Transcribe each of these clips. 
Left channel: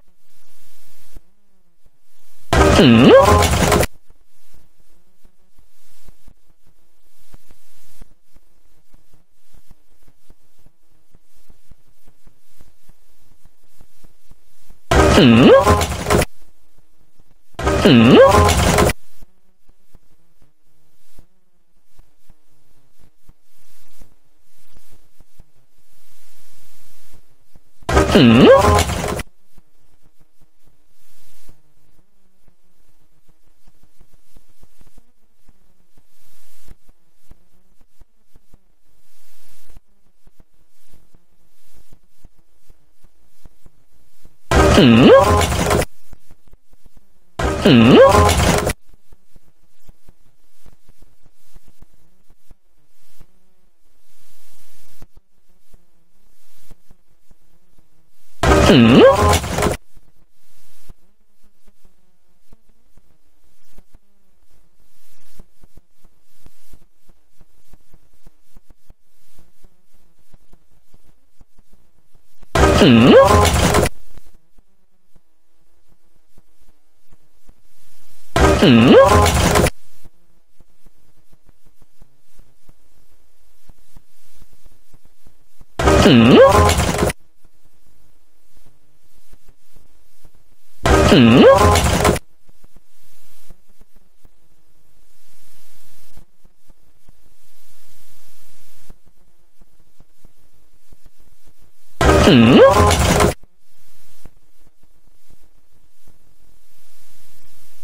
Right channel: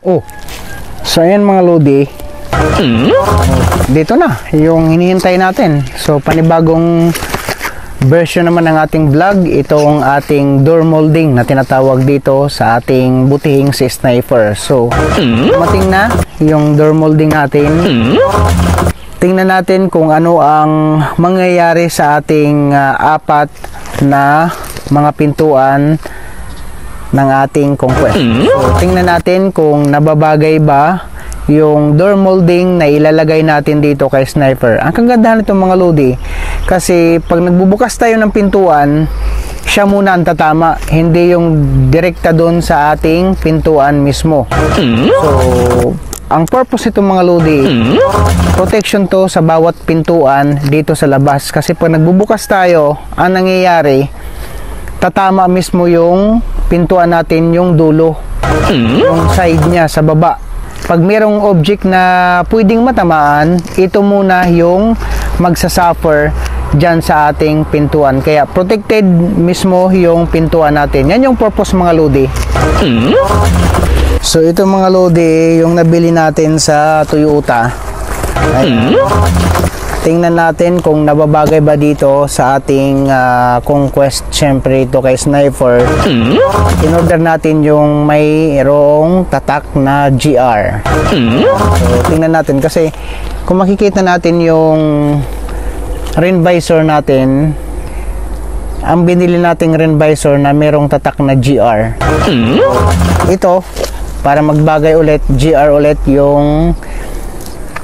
Oh, so ayan mga lodi, dito na yung hinihintay natin. So panibagong version naman ng ating vlog, itong ating door molding na tinatawag dito sa ating butihing si Sniper. So dumating na yung door molding natin. Tingnan natin kung ano ang mangyayari sa ating apat na mga pintuan ng ating conquest. Tingnan natin kung nababagay ba yung door molding na ilalagay natin dito kay Sniper. Ang kagandahan nito mga lodi, kasi pag nagbubukas tayo ng pintuan, siya muna ang tatama, hindi yung direkta doon sa ating pintuan mismo. So ang purpose nito mga lodi, protection to sa bawat pintuan dito sa labas. Kasi pag nagbubukas tayo, ang nangyayari, tatama mismo yung pintuan natin, yung dulo, yung side niya sa baba. Pag mayroong object na pwedeng matamaan, ito muna yung magsasuffer dyan sa ating pintuan. Kaya protected mismo yung pintuan natin. Yan yung purpose mga lodi. So ito mga lodi, yung nabili natin sa Toyota. Tingnan natin kung nababagay ba dito sa ating conquest. Syempre ito kay Sniper, in-order natin yung mayroong tatak na GR. So tingnan natin, kasi kung makikita natin yung rain visor natin, ang binili nating rain visor na mayroong tatak na GR, ito para magbagay ulit, GR ulit yung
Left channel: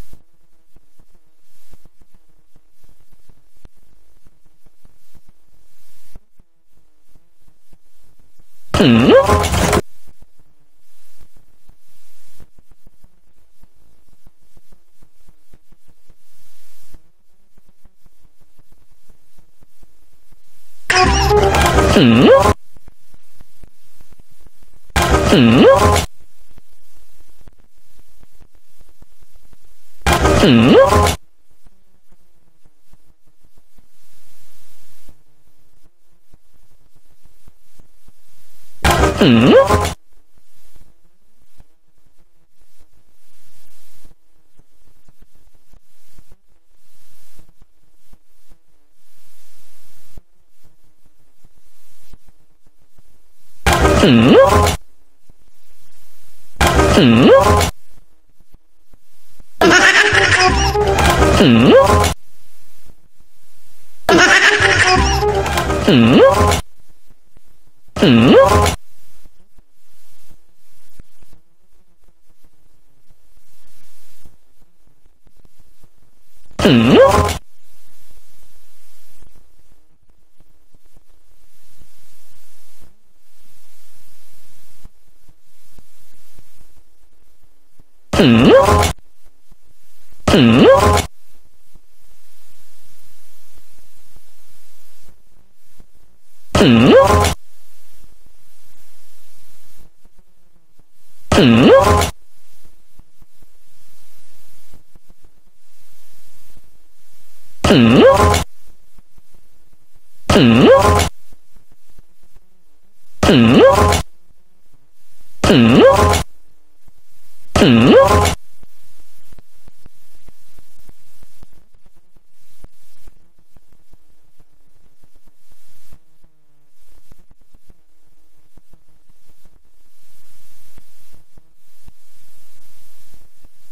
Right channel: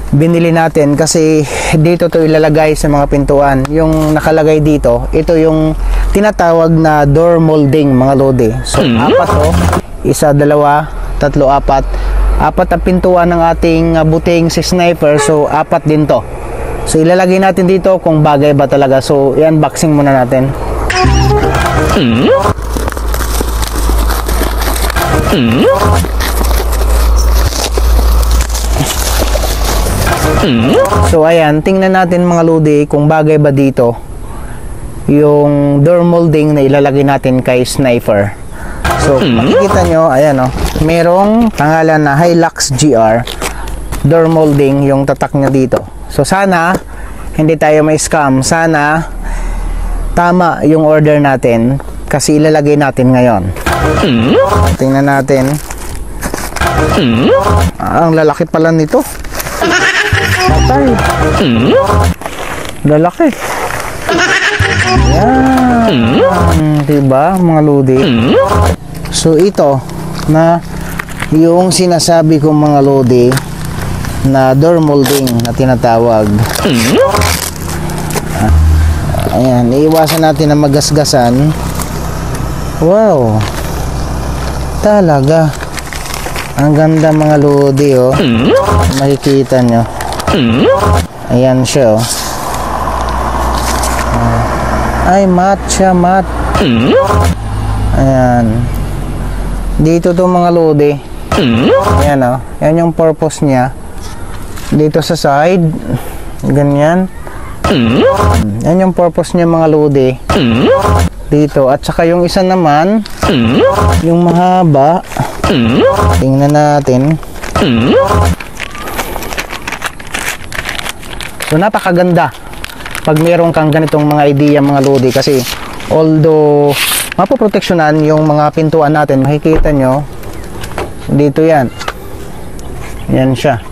binili natin, kasi dito to ilalagay sa mga pintuan. Yung nakalagay dito, ito yung tinatawag na door molding mga lodi. So apat to, isa, dalawa, tatlo, apat ang pintuan ng ating butihing si Sniper. So apat din to. So ilalagay natin dito kung bagay ba talaga. So i-unboxing muna natin. So ayan, tingnan natin mga lodi kung bagay ba dito yung door molding na ilalagay natin kay Sniper. So makikita nyo, ayan o, merong pangalan na Hilux GR door molding yung tatak niya dito. So sana hindi tayo may scam, sana tama yung order natin, kasi ilalagay natin ngayon. Tingnan natin. Ang lalaki pala nito. Lalaki. Diba mga lodi? So ito na yung sinasabi kong mga lodi na door molding na tinatawag. Ayan, iiwasan natin na magasgasan. Wow, talaga ang ganda mga lodi, oh. Makikita nyo. Ayan siya, oh. Ay, matte siya, matte. Ayan. Dito to mga lodi. Ayan, oh. Yan yung purpose niya. Dito sa side, ganyan. Yan yung purpose niya mga lodi. Dito, at saka yung isa naman, yung mahaba. Tingnan natin. So napakaganda pag mayroon kang ganitong mga idea mga lodi, kasi although mapoproteksyonan yung mga pintuan natin, makikita nyo dito yan. Yan siya.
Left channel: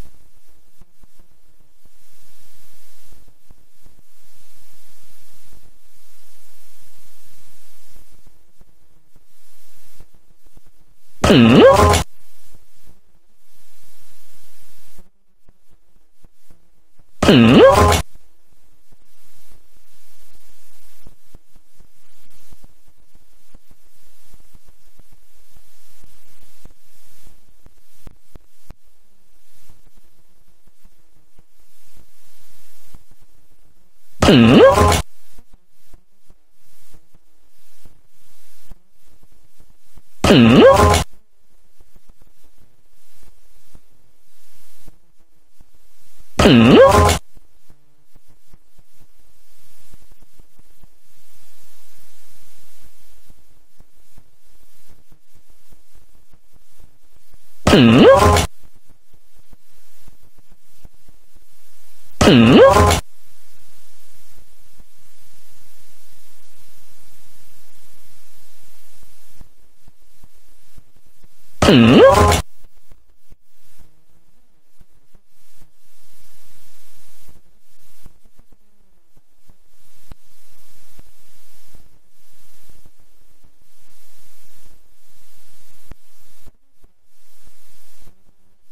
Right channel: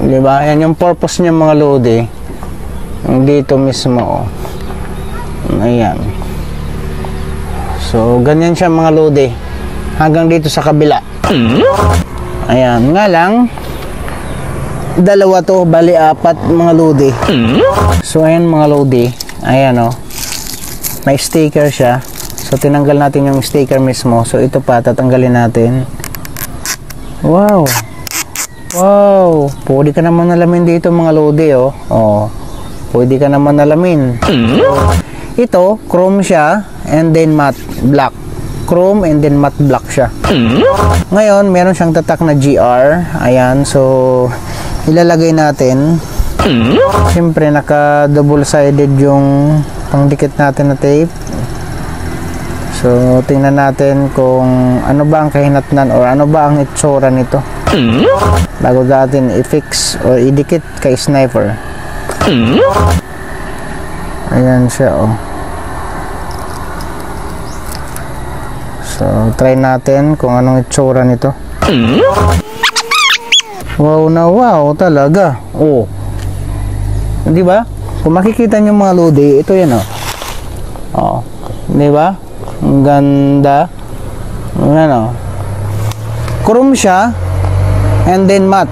Diba? Yan yung purpose niya mga lodi. Dito mismo, oh. Ayan. So ganyan siya mga lodi, hanggang dito sa kabila. Ayan, nga lang dalawa to, bali apat mga lodi. So ayan mga lodi, ayan, oh. May sticker siya. So tinanggal natin yung sticker mismo. So ito pa, tatanggalin natin. Wow. Wow, pwede ka naman nalamin dito mga lodi, oh. Oh, pwede ka naman nalamin. Ito, chrome siya, and then matte black chrome and then matte black siya. Ngayon, meron siyang tatak na GR. Ayan, so ilalagay natin. Siyempre, naka double sided yung pangdikit natin na tape. So, tingnan natin kung ano ba ang kahinatnan or ano ba ang itsura nito bago natin i-fix or idikit kay sniper. Ayan siya, oh. So, try natin kung anong itsura nito. Wow na wow talaga. Oh. Di ba? Kung makikita niyo mga lodi, ito yan, oh. Oh. Di ba? Ang ganda. Ayan, oh. Chrome siya and then matte.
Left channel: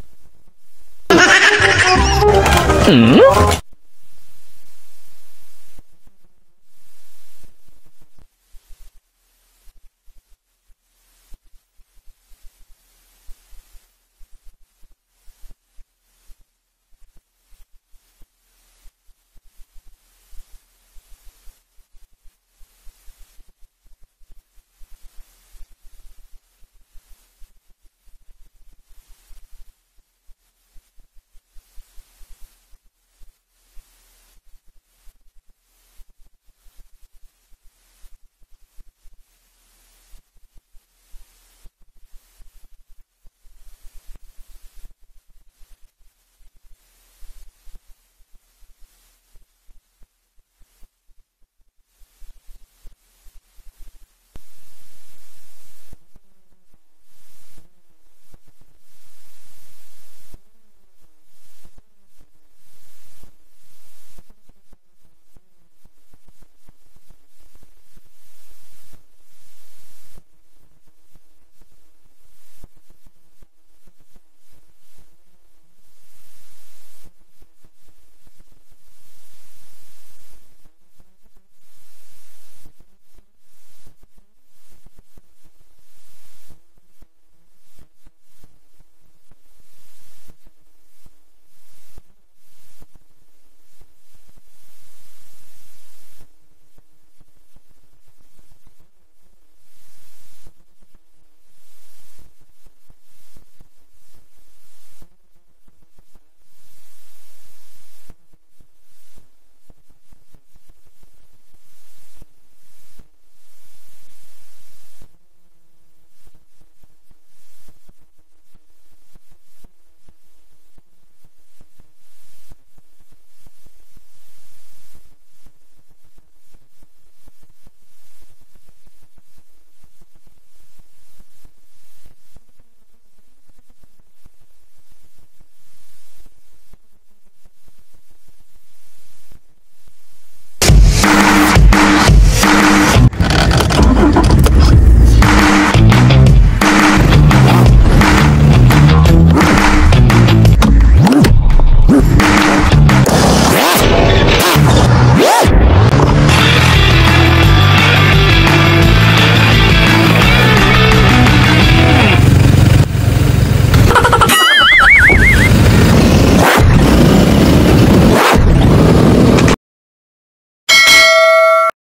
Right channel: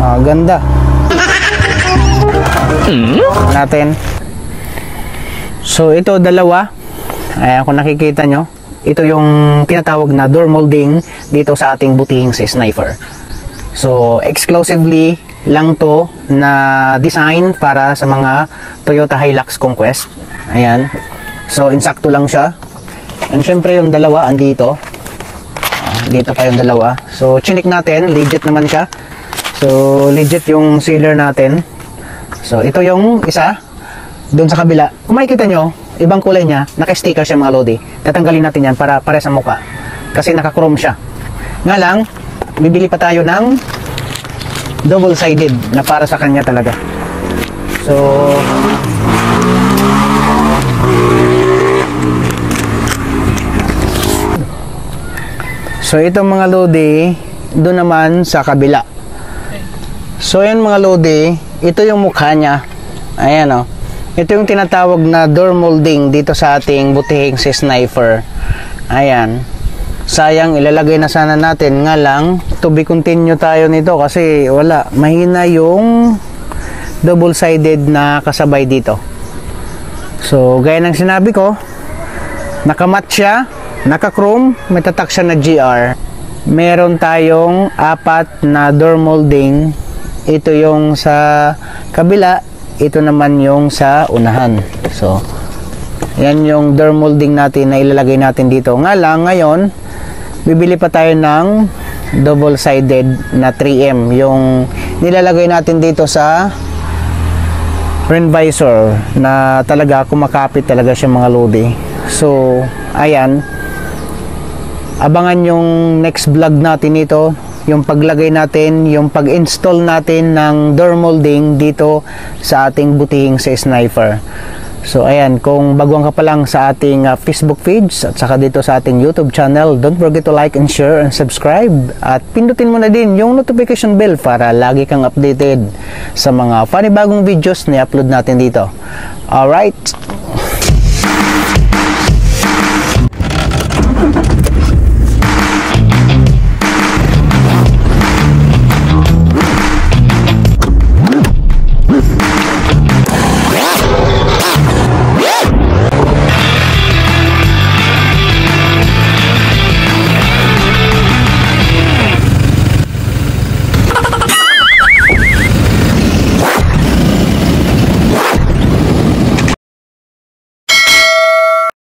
Ah, ganda. Natin. So, ito dalawa. Ayan, kung nakikita nyo, ito yung tinatawag na door molding dito sa ating butihing sa sniper. So, exclusively lang to na design para sa mga Toyota Hilux Conquest. Ayan. So, insakto lang siya. And syempre yung dalawa andito. Dito pa yung dalawa. So, chinik natin. Legit naman siya. So, legit yung sealer natin. So, ito yung isa. Doon sa kabila. Kung makikita nyo, ibang kulay niya, naka-sticker siya mga lodi. Tatanggalin natin yan para pare sa mukha. Kasi naka-chrome siya. Nga lang, bibili pa tayo ng double-sided na para sa kanya talaga. So itong mga lodi, doon naman sa kabila. So yan mga lodi, ito yung mukha niya. Ayan, oh. Ito yung tinatawag na door molding dito sa ating butihing si sniper. Ayan. Sayang, ilalagay na sana natin. Nga lang, to be continue tayo nito kasi wala. Mahina yung double-sided na kasabay dito. So, gaya ng sinabi ko, nakamat siya, naka-chrome, may tatak siya na GR. Meron tayong 4 na door molding. Ito yung sa kabila, ito naman yung sa unahan. So, yan yung door molding natin na ilalagay natin dito. Nga lang, ngayon, bibili pa tayo ng double-sided na 3M. Yung nilalagay natin dito sa rim visor na talaga kumakapit talaga siya mga lodi. So, ayan. Abangan yung next vlog natin ito. Yung paglagay natin, yung pag-install natin ng door molding dito sa ating butihing sa sniper. So ayan, kung baguhan ka pa lang sa ating Facebook page at saka dito sa ating YouTube channel, don't forget to like and share and subscribe. At pindutin mo na din yung notification bell para lagi kang updated sa mga panibagong videos na i-upload natin dito. Alright,